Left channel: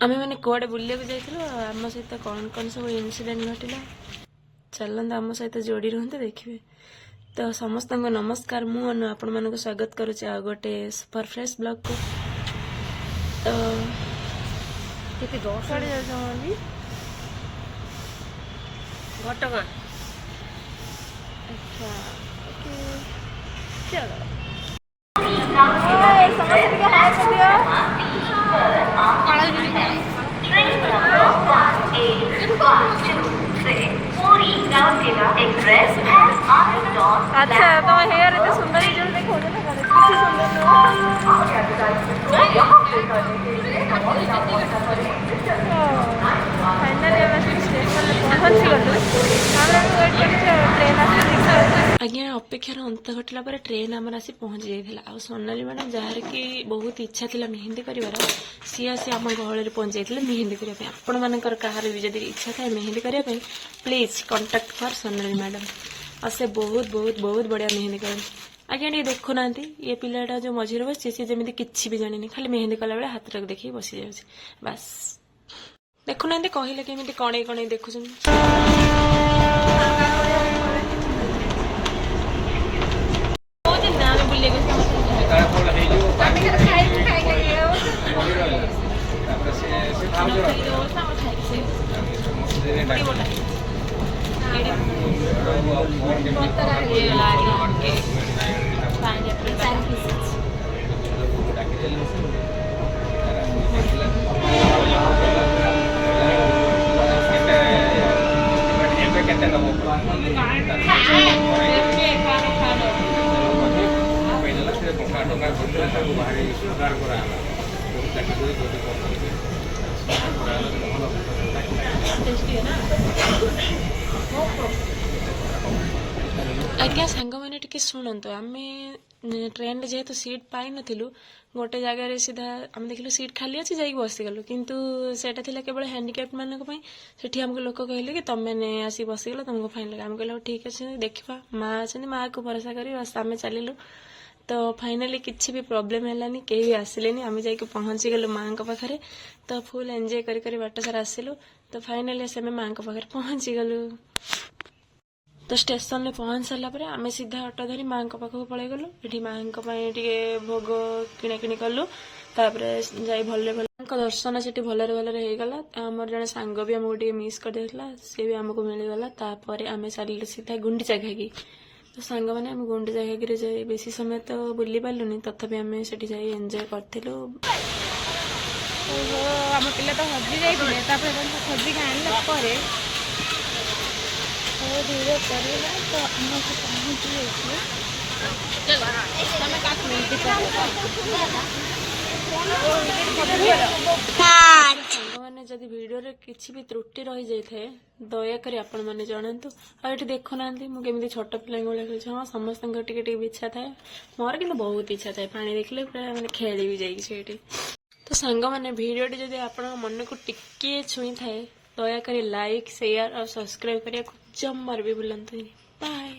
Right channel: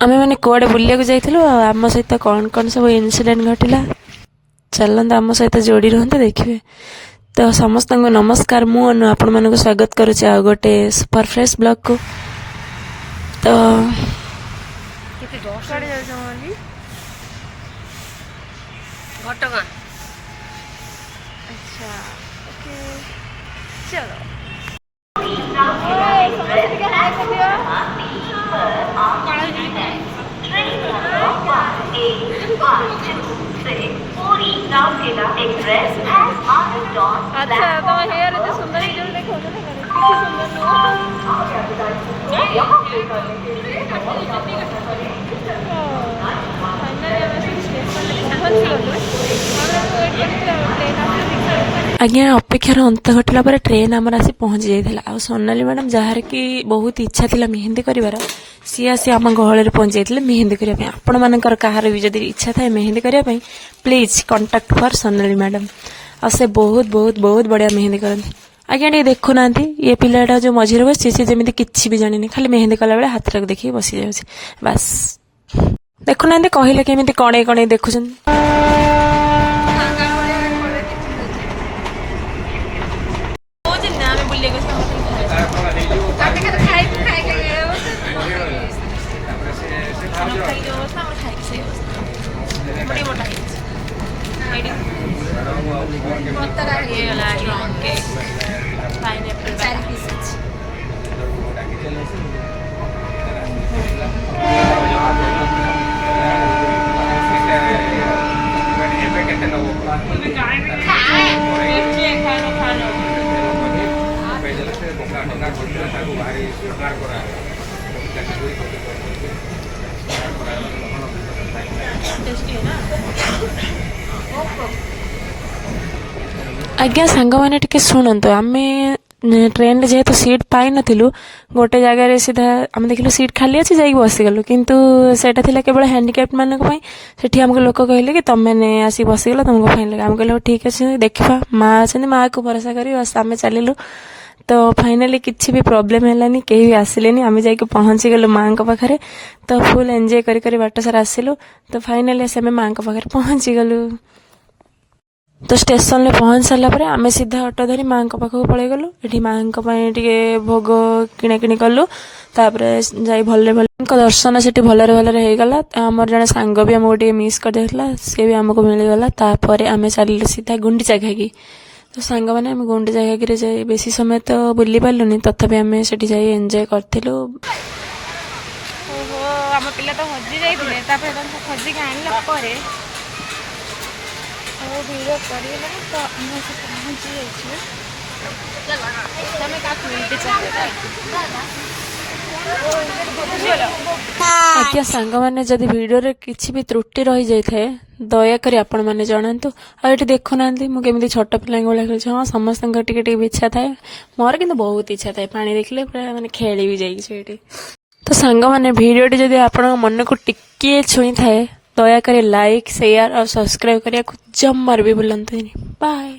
ଆମେ ମାନେ କୁଆଡ଼େ ବୁଲିବାକୁ ଯାଇଥିଲୁ ଆଉ ଆମ ସହିତ କ'ଣ କ'ଣ ସବୁ ଇନସିଡେଣ୍ଟ ଘଟିଲା ଚାଲନ୍ତୁ ଆମ ସହିତ ଯୋଡ଼ି ରୁହନ୍ତୁ ଦେଖିବେ। ତ ସମସ୍ତଙ୍କୁ ନମସ୍କାର, ମୁଁ ଅନୁ ଆପଣମାନଙ୍କୁ ସ୍ୱାଗତ କରୁଛି ଆଉ ଗୋଟେ ସୁପର ଫ୍ରେଶ୍ ବ୍ଲଗ୍କୁ। ତ ଘଟଗାଁ। ଆଚ୍ଛା ଓକେ ଚलो। ଆଚ୍ଛା ତମ ହେୟାର ଏତେ ସୁନ୍ଦର ଭିଡ଼ିଓ ଦେଖାଉଛ ନା କିଛି ସୁନ୍ଦର ନୁହଁ। ଫାଇନାଲି ଆମେ ଷ୍ଟେସନରେ ପହଞ୍ଚିଗଲୁ। ଆଜ୍ଞା ଅପେକ୍ଷାର ଅନ୍ତ ଘଟିଲା ପରେ ଟ୍ରେନ୍ ଆମର ଆସି ପହଞ୍ଚି ଯାଇଥିଲା। ଆଉ ସୋନାଲି ମ୍ୟାଡ଼ାମ୍ ଯାହାର କି ବହୁତ ଇଚ୍ଛା ଥିଲା ମେହେନ୍ଦି କରିବାର, ସିଏ ଆସି ଆମ ଗହଳରେ ପହଞ୍ଚି ଯାଇଥିଲେ ମେହେନ୍ଦି କରିବା ପାଇଁ। ଆପଣମାନଙ୍କର କାହାର ବି ଯଦି ଇଚ୍ଛା ଥାଏ ମେହେନ୍ଦି କରିବା ପାଇଁ please contact for Sonali madam. ଆଉ ସେ ବହୁତ ବହୁତ ବହୁତ ବଢ଼ିଆ ମେହେନ୍ଦି କରନ୍ତି। ଆଜ୍ଞା ଟିକେ ଦେଖୁନାହାନ୍ତି ଏ ପିଲାଟା ଯେଉଁ ମଝିରେ ବସିଛି ସେ ଯେମିତି କିଛି ବି ଜାଣିନି, ଖାଲି ମେହେନ୍ଦି କଲାବେଳେ ହାତଟାକୁ ଦେଖିକି ବସିଯାଉଛି ବାସ୍। ଦେଖୁନାହାନ୍ତି କହିଲେ କେମିତି କଣେଇ କଣେଇ ଦେଖୁଛନ୍ତି। ଆଜ୍ଞା ସାଙ୍ଗମାନେ ଟିକେ ଶୁଣନ୍ତୁ, ଆମେ ଟ୍ରେନରେ ଯେହେତୁ ସିଟ୍ ପାଇନଥିଲୁ ଗୋଟେ ଜାଗାରେ ସିଧା ଆମେ ଦେଖିଲୁ ସିଟ୍ ଖାଲି ଅଛି ଯାଇକି ବସିଗଲୁ, କିନ୍ତୁ ସେଇଟା ଥିଲା କେବଳ ହ୍ୟାଣ୍ଡିକ୍ୟାପ୍ଟ ମାନଙ୍କ ପାଇଁ। ସେଠି ଆମକୁ ଲୋକ କହିଲେ କି ତମେ ଆସିକି ବସିଗଲ ତମକୁ ଫାଇନ୍ ଲାଗେ। ଆମେ କହିଲେ ହଉ ଠିକ୍ ଅଛି ଦେଖିବା, ମାଆ ଅଛନ୍ତି ମାଆକୁ ଭରସା କରି ବାସ୍ ଆମେ ଚାଲିଲୁ। ତ ଫାଇନାଲି କିଛି ବି ପ୍ରୋବ୍ଲେମ୍ ହେଲାନି, କେହି ବି ଆସିଲେନି। ଆମେ ଯାଇକି ପହଞ୍ଚିଗଲୁ ମାଆଙ୍କ ପାଖରେ। ତ ଫୁଲ୍ ଏନ୍ଜୟ କରି କରି ବାଟ ସାରା ଆସିଲୁ। ତ ଫାଇନାଲି ଆସି ଆମେ ମାଆଙ୍କ ପାଖରେ ପହଞ୍ଚିଗଲୁ। ତ ଷ୍ଟେସନରେ ପହଞ୍ଚି ସାରିଲା ପରେ ଆମେ ସିଧା ଅଟୋ ଧରି ମାଆଙ୍କ ପାଖକୁ ପଳେଇଗଲୁ। ଏଠି ମାଆଙ୍କ ପାଇଁ ଟିକେ ଭୋଗ କିଣାକିଣି କଲୁ। ତାପରେ ଯାଇ ଭଲରେ ଦର୍ଶନ ସେଠି ଭଲରେ ହେଇଗଲା। ଆମର ଜଣେ ସାଙ୍ଗ ବି ଆମକୁ ଟିକେ ମିସ୍ କରିଯାଇଥିଲା, ସିଏ ବି ଆମକୁ ମିଳିଗଲା। ତାପରେ ଆମେ ଚାଲିଲୁ ସିଧା ଗୁଣ୍ଡିଚା ଘାଗି। ତ ସାଙ୍ଗମାନେ ଆମେ ଗୁଣ୍ଡିଚା ଘାଗିରେ ଯାଇ ବେଶୀ ସମୟ ତ ବୁଲି ପାରିଲୁନି, ତଥାପି ଆମେ ସେଠି ଯାଇ ଏନ୍ଜୟ କରିଥିଲୁ। ଓହୋ ଆମ ପିଲା ତ ହଜି ଯାଇଥିଲେ, ତାପରେ ତାଙ୍କୁ ଖୋଜିକି ଆଣିଲା ପରେ ଭିଡ଼ିଓ କରିଗଲାଣି। ତ ଆମେ ସେ ପହଞ୍ଚି ଯାଇଛୁ ଆଜ୍ଞା ସାଙ୍ଗମାନେ ଯଦି ଭିଡ଼ିଓରେ କିଛି ବି ତ୍ରୁଟି ରହିଯାଇଥାଏ ଦୟାକରି ଆପଣମାନେ ଜଣାନ୍ତୁ। ଆଉ ଏଠି ଦେଖୁନାହାନ୍ତି ମୁଁ କେମିତି ଛୋଟ ପିଲାଙ୍କ ଭଳିଆ ଖେଳୁଛି। ହଁ ସମସ୍ତଙ୍କର ଟିକେ ଟିକେ ଇଚ୍ଛା ଥାଏ, ମୋର କିନ୍ତୁ ବହୁତ ଇଚ୍ଛା ଥାଏ ପାଣି ଦେଖିଲେ ପୁରା ମାନେ ଖେଳିବି ଯାଇକି ସେଇଠି। ତ ସାଙ୍ଗମାନେ ଭିଡ଼ିଓଟି ଯଦି ଆପଣଙ୍କ ମନକୁ ଟିକିଏ ଛୁଇଁଥାଏ ଦୟାକରି ଲାଇକ୍ ସେୟାର ଆଉ ସବସ୍କ୍ରାଇବ୍ କରିବାକୁ ଜମାରୁ ବି ଭୁଲନ୍ତୁନି। ବାଏ।